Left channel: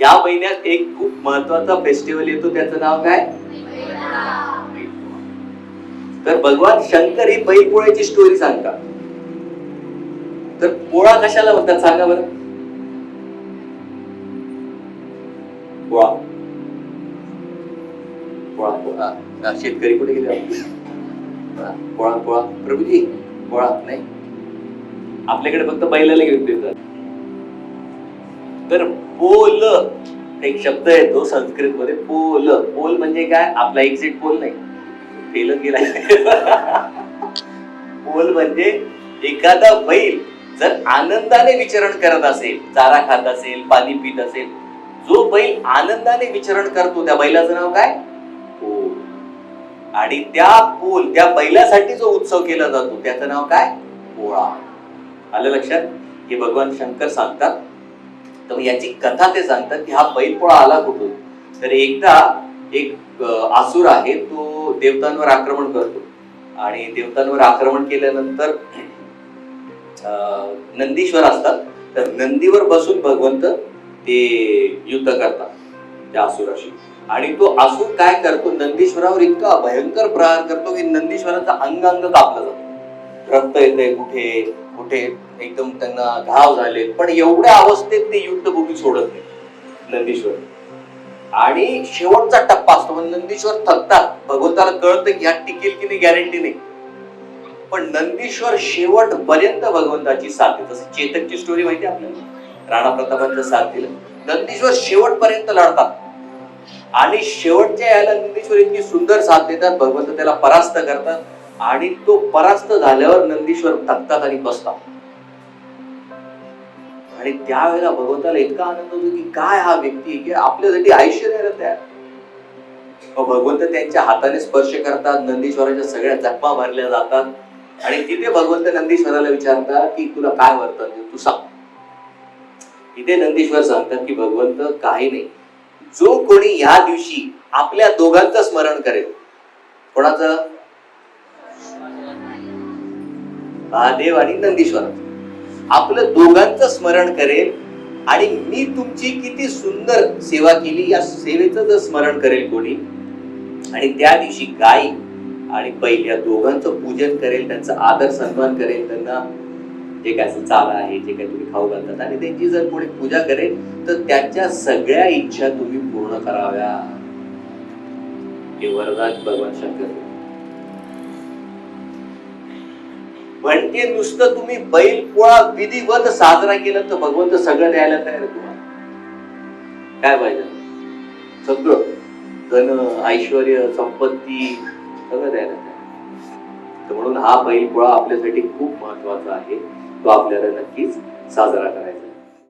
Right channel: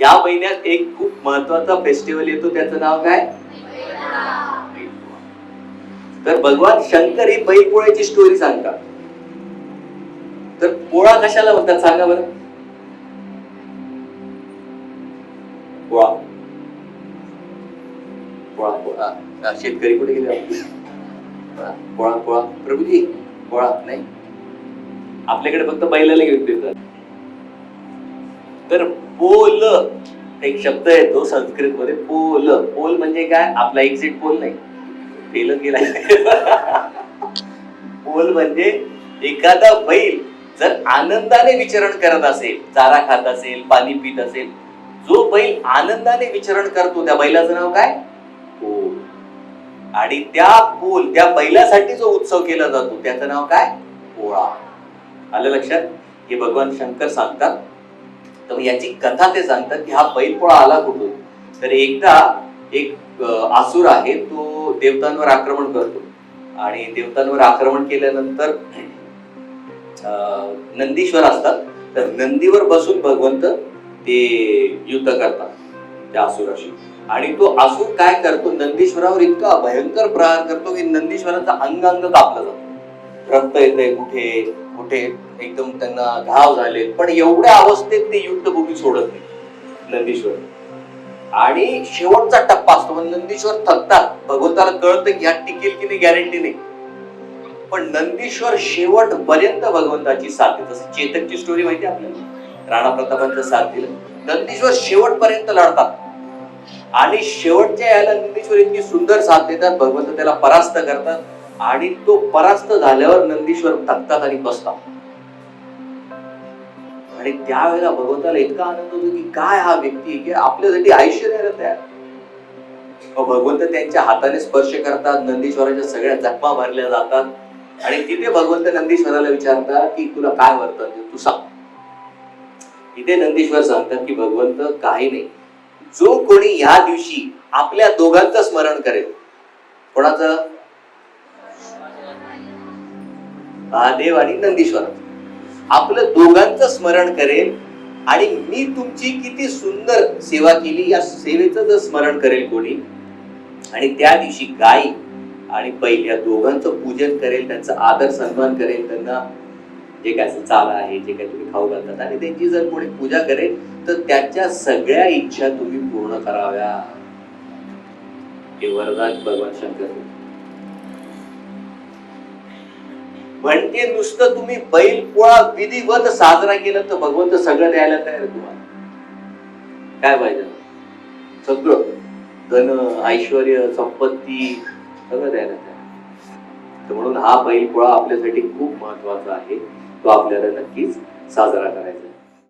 या महिन्यात एक खूप महत्त्वाचा फेस्टिवल येतो. त्याचं नाव काय? तर भगवान शंकर ही बैल पोळ्याची स्टोरी सांगतात. तर पोळा कशाला म्हणतात सांगा बरं? पोळा. पोळा पोळा. शेतकरी कुठे गेले? पोळा पोळा. प्रभूजी पोळा नाही? आपल्याकडे फक्त बैलाला घेऊन देतात. तर पोल. एक शब्द येतो संस्कृत मध्ये पोल. पोल म्हणजे काय? आपला एक्झिट पोल नाही. फेल गेला पोल म्हणजे एखादा बैल जर आनंदाने विचरण करत असेल चारा खात असेल पाणी पित असेल जो बैल आनंदाने विचरण करतो त्या बैलाचं नाव काय? आणि त्या पोल त्या बैलासाठी जो उत्सव केला जातो त्याचं नाव काय? पोळा. आलं लक्षात? हे भगवान शंकर सांगतात तर याची कथा ते सांगतात की हा बैलपोळा आला कुठून? तर एकदा एक आसूर आसुर आहे तो देवतांवर आक्रमण करतो. आणि देवतांवर आक्रमण केल्यानंतर अं, नंदीश्वर असतात. तर नंदीवर बसून भगवंत ते युद्ध करतात त्या असुराशी आणि तो असुर काय करतो? नंदीश्वरावर इतका भयंकर प्रहार करतो की नंदीश्वराचा अंग अंग कापला जातो रक्त येते कुठे कुठे एकदम त्यांना घाव झाले. पण एवढ्या अवस्थेत ते युद्धभूमी सोडत नाही. नंदीश्वर. आणि शेवटचा टप्पा असतो म्हणजे नंदीश्वर थकतात. भगवंताला कळतं की ह्या टिकेल की नाही गॅरंटी नाही. पण नंदीश्वर शेवट पर्यंत भगवंताची साथ जसं चेतकची स्टोरी माहिती आहे आपल्याला? राणा प्रतापांचं साथ दिलं नंदीश्वर शेवटपर्यंत लढतात. आणि शेवटच्या यायला नंदीश्वर इतकी सुंदर साथ देतात. भगवंत त्याला परास्त करतात. आणि तो परास्त झाल्यावर नंदीश्वर तक्तात आणि बसतात आणि त्यावेळेला भगवंताला इतका आनंद होतो की काय हा व्यक्ती की आपल्यासाठी आयुष्य द्यायला तयार हो, भगवंत त्यांच्या हाताने स्पर्श करतात नंदीश्वराच्या सगळ्या जखमा भरल्या जातात. आणि तिथे भगवंत नंदीश्वराला विचारतात की तुला काय वर्तन तू सांग. इथे नंदीश्वर सांगतात की भगवंत काही नाही. जो कोणी या दिवशी आपल्या दोघांचं स्मरण करेल कोणाचं? महादेव आणि नंदीश्वर. आपलं दोघांचं स्मरण करेल आणि मी तुमची किती सुंदर सेवा केली या सेवेचं जर स्मरण करेल कोणी आणि त्या दिवशी गाय आणि बैल या दोघांचं पूजन करेल त्यांचा आदर सन्मान करेल त्यांना जे काय असं चाल आहे जे काही तुम्ही खाऊ घालतात आणि त्यांची जर कोणी पूजा करेल तर त्यांच्या सगळ्या इच्छा तुम्ही पूर्ण कराव्या. हे वरदान भगवान शंकर म्हणजे नुसतं तुम्ही बैल पोळा विधिवत साजरा केला तर भगवंत सगळं द्यायला तयार तुम्हाला. काय पाहिजे सगळं. धन ऐश्वर संपत्ती सगळं द्यायला तर म्हणून हा बैल पोळा आपल्यासाठी खूप महत्त्वाचा आहे. तो आपल्याला नक्कीच साजरा करायचा